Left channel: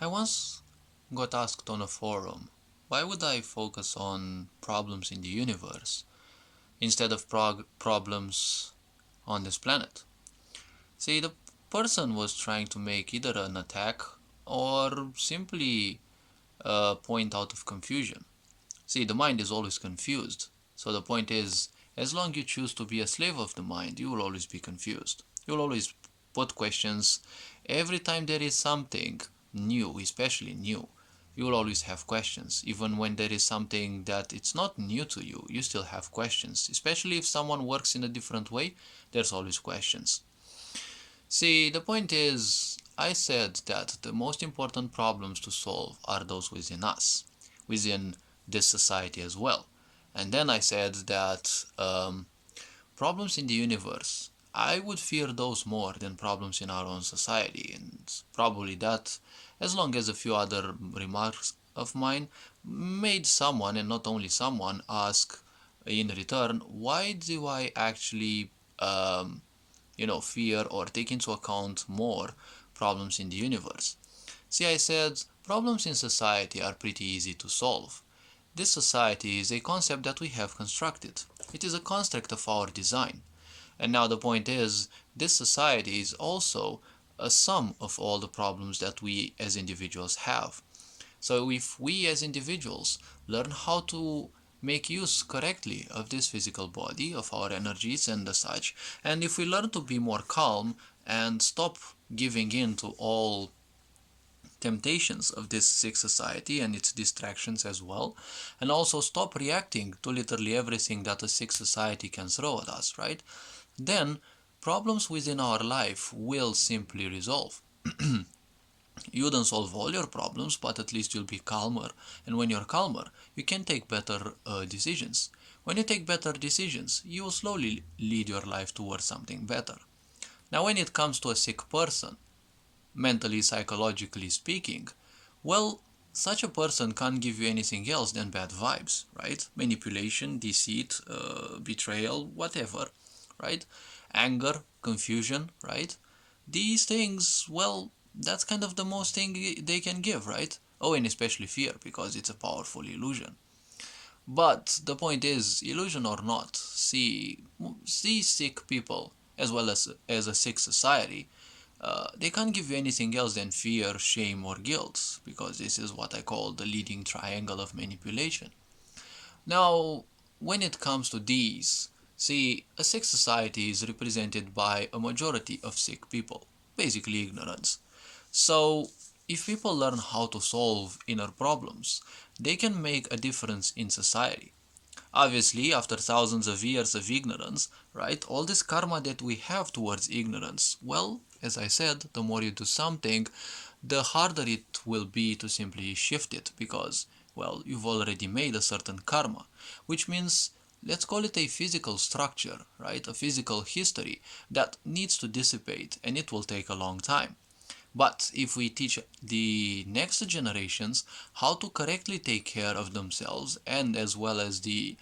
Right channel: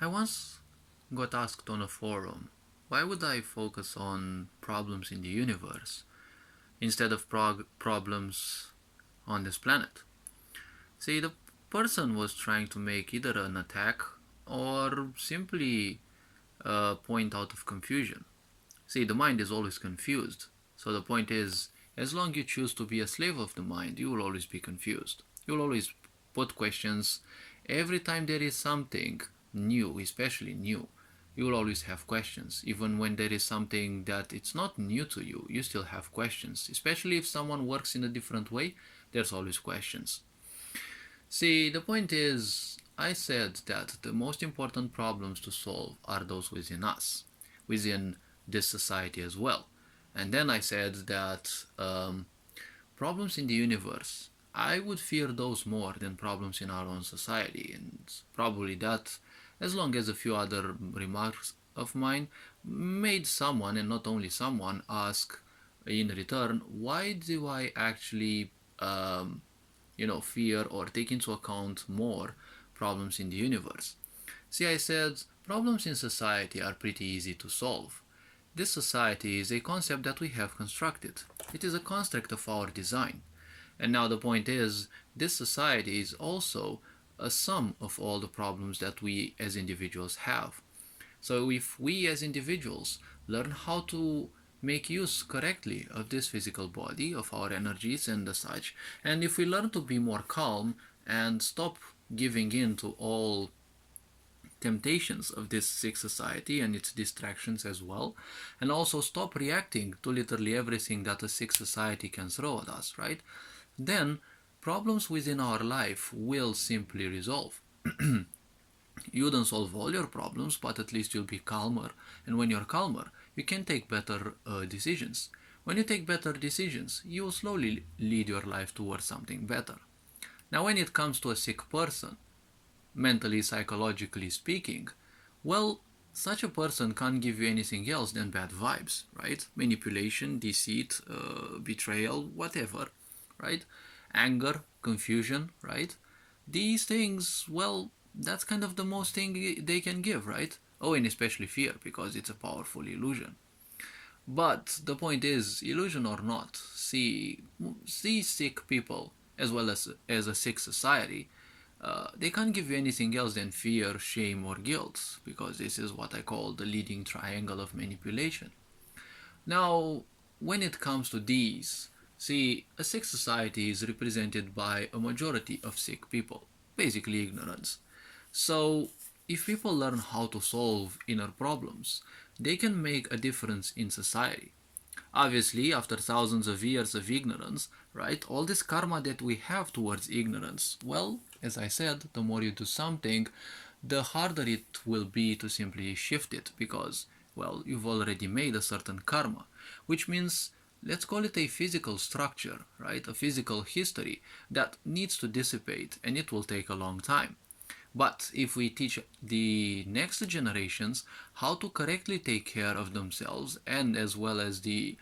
I once got asked on a forum, why would I focus on problems in the universe instead of problems on this planet? See, the person was trying to make either an attack or simply a point out of confusion. See, the mind is always confused. So the point is, as long as you choose to be a slave of the mind, you will always be confused. You will always put questions. Every time there is something new, especially new, you will always have questions. Even when there is something that it's not new to you, you still have questions. Especially if someone works in a different way, there's always questions. See, the point is, I said that the most important problems to solve are those within us, within this society as well. And then I said that problems in the universe, I would fear those more than problems in our own society. And probably that, as long as a few other remarks of mine made someone, and not only someone, ask in return, why do I actually fear or take into account more problems in the universe? See, I said problems in society are pretty easy to solve. This society is a concept that we have constructed. It is a construct of our design. And now the point is, this society is also a sum of all the problems that we as individuals have. So if we as individuals learn how to make use correctly of this physical body, of our energies and the such, and if we learn to be more calm and stop giving in to all temptations of this sick society and its distractions as well, and also stop reacting to literally everything that a sick society can throw at us, right? Then problems within our life will simply resolve. You don't solve all your problems, but at least you'll be calmer. And when you're calmer, you can take better decisions. When you take better decisions, you will slowly lead your life towards something better. Now, when it comes to a sick person, mentally, psychologically speaking, well, such a person can't give you anything else than bad vibes, right? Manipulation, deceit, betrayal, whatever, right? Anger, confusion, right? These things, well, that's kind of the most thing they can give, right? Oh, and especially fear, because it's a powerful illusion. But the point is, illusion or not, see sick people as well as a sick society, they can't give you anything else than fear, shame, or guilt, because this is what I call the leading triangle of manipulation. Now, when it comes to these, see, a sick society is represented by a majority of sick people, basically ignorance. So, if people learn how to solve inner problems, they can make a difference in society. Obviously, after thousands of years of ignorance, right, all this karma that we have towards ignorance, well, as I said, the more you do something, the harder it will be to simply shift it because, well, you've already made a certain karma, which means let's call it a physical structure, right, a physical history that needs to dissipate and it will take a long time. But if we teach the next generations how to correctly take care of themselves and as well as the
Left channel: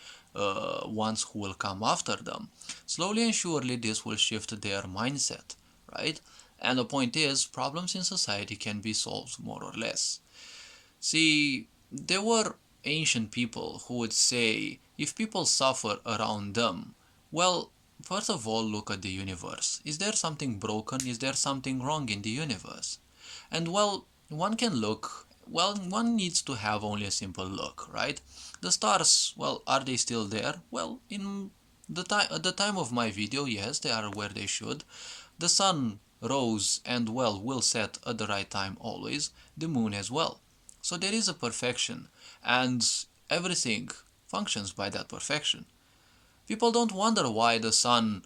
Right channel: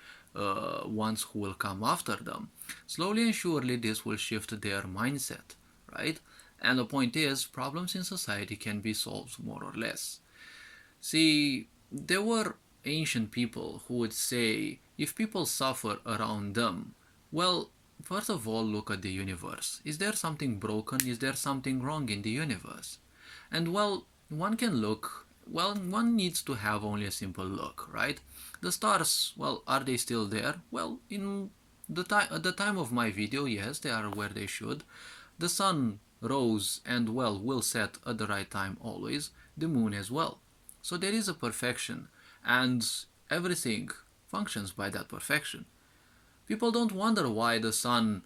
ones who will come after them, slowly and surely this will shift their mindset, right? And the point is, problems in society can be solved more or less. See, there were ancient people who would say if people suffer around them, well, first of all, look at the universe. Is there something broken? Is there something wrong in the universe? And well, one can look, well, one needs to have only a simple look, right? The stars, well, are they still there? Well, in at the time of my video, yes, they are where they should. The sun rose and well will set at the right time always, the moon as well. So there is a perfection and everything functions by that perfection. People don't wonder why the sun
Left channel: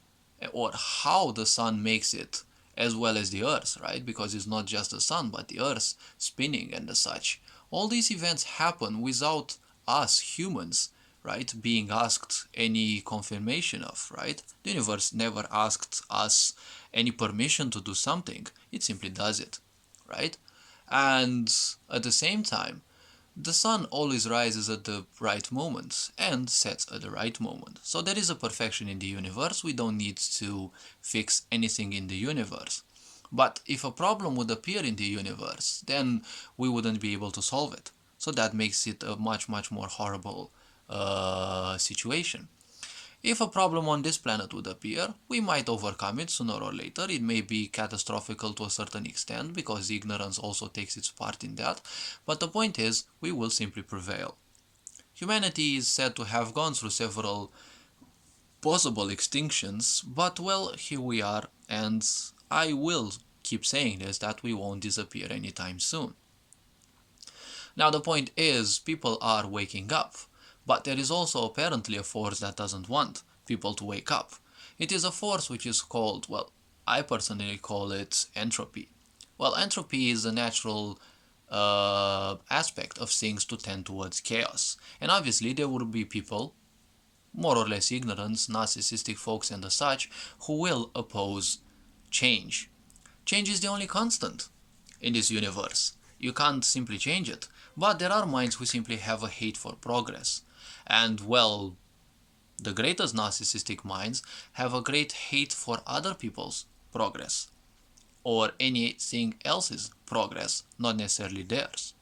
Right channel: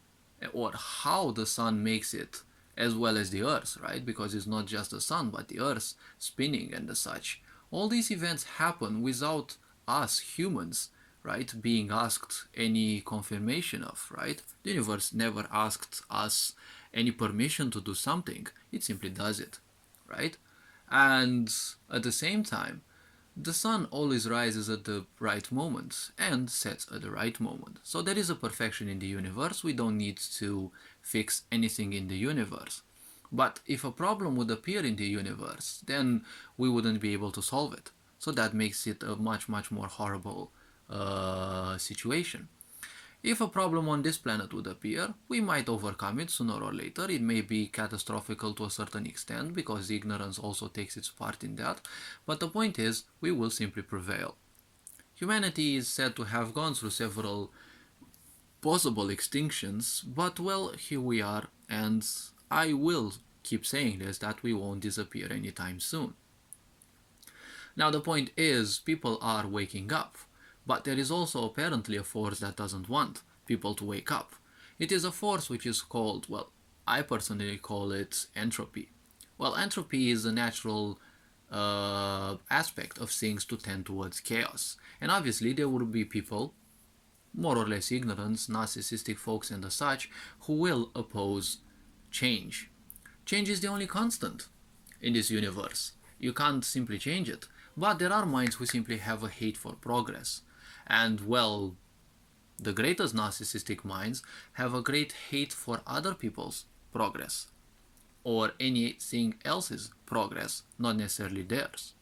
or how the sun makes it as well as the earth, right? Because it's not just the sun but the earth spinning and the such. All these events happen without us humans, right, being asked any confirmation of, right? The universe never asked us any permission to do something. It simply does it, right? And at the same time, the sun always rises at the right moment and sets at the right moment. So there is a perfection in the universe. We don't need to fix anything in the universe. But if a problem would appear in the universe, then we wouldn't be able to solve it. So that makes it a much, much more horrible situation. If a problem on this planet would appear, we might overcome it sooner or later. It may be catastrophic to a certain extent because ignorance also takes its part in that. But the point is, we will simply prevail. Humanity is said to have gone through several possible extinctions, but well, here we are, and I will keep saying this, that we won't disappear anytime soon. Now the point is, people are waking up, but there is also apparently a force that doesn't want people to wake up. It is a force which is called, well, I personally call it entropy. Well, entropy is a natural aspect of things to tend towards chaos. And obviously there will be people, more or less ignorant, narcissistic folks and the such, who will oppose change. Change is the only constant in this universe. You can't simply change it. But there are minds who simply have a hate for progress. And well, the greatest narcissistic minds have a great hate for other people's progress, or anything else's progress, not necessarily theirs.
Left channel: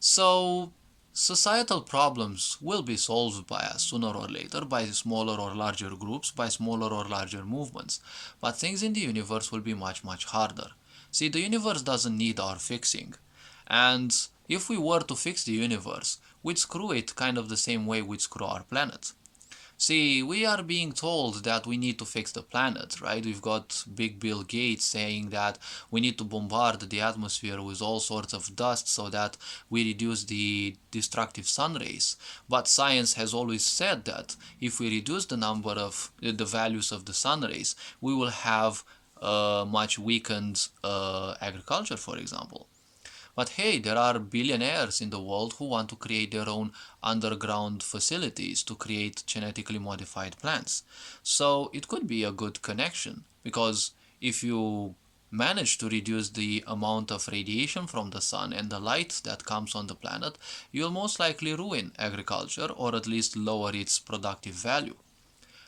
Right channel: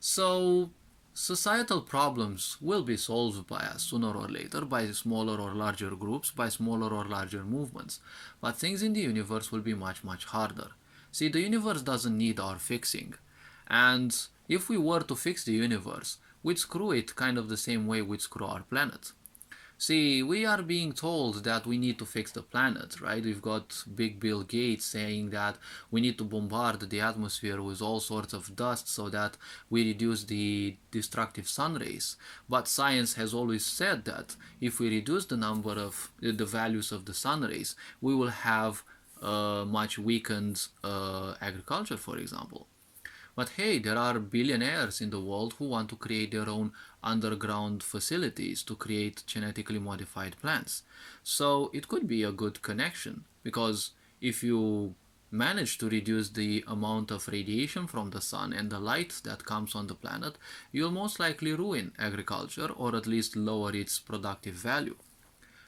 So societal problems will be solved by us sooner or later, by smaller or larger groups, by smaller or larger movements. But things in the universe will be much, much harder. See, the universe doesn't need our fixing. And if we were to fix the universe, we'd screw it kind of the same way we'd screw our planet. See, we are being told that we need to fix the planet, right? We've got Big Bill Gates saying that we need to bombard the atmosphere with all sorts of dust so that we reduce the destructive sun rays. But science has always said that if we reduce the number of the values of the sun rays, we will have much weakened agriculture, for example. But hey, there are billionaires in the world who want to create their own underground facilities to create genetically modified plants. So it could be a good connection, because if you manage to reduce the amount of radiation from the sun and the light that comes on the planet, you'll most likely ruin agriculture, or at least lower its productive value.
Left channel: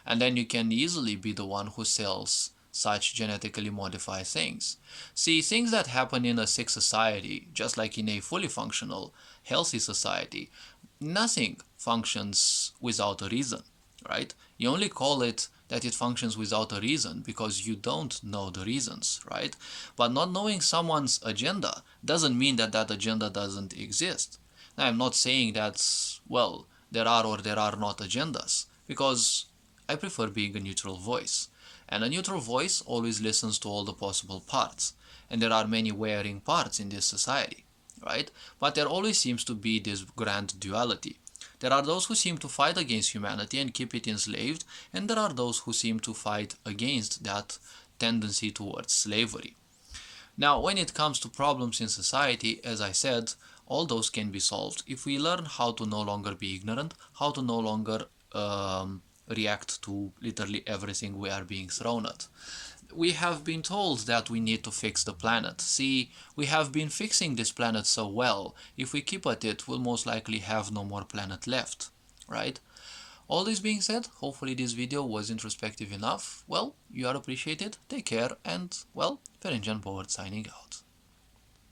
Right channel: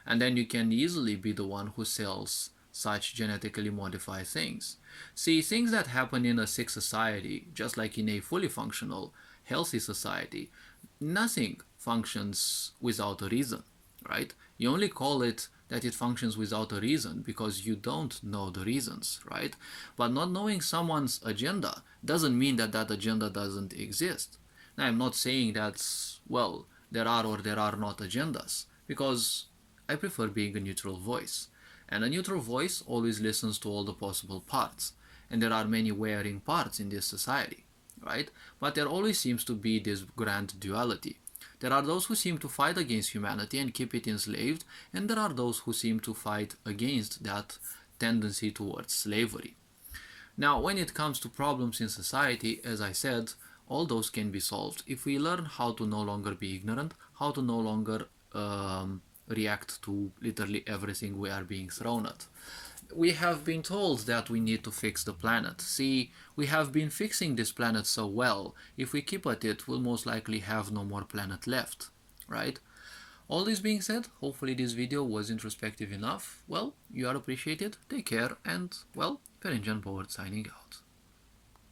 And then you can easily be the one who sells such genetically modified things. See, things that happen in a sick society, just like in a fully functional, healthy society, nothing functions without a reason, right? You only call it that it functions without a reason because you don't know the reasons, right? But not knowing someone's agenda doesn't mean that that agenda doesn't exist. Now, I'm not saying that, well, there are or there are not agendas, because I prefer being a neutral voice. And a neutral voice always listens to all the possible parts. And there are many varying parts in this society, right? But there always seems to be this grand duality. There are those who seem to fight against humanity and keep it enslaved, and there are those who seem to fight against that tendency towards slavery. Now, when it comes to problems in society, as I said, all those can be solved if we learn how to no longer be ignorant, how to no longer react to literally everything we are being thrown at. We have been told that we need to fix the planet. See, we have been fixing this planet so well, if we keep at it, we'll most likely have no more planet left, right? All this being said, hopefully this video was introspective enough. Well, you are appreciated, take care, and, well, Ferenc Powered signing out.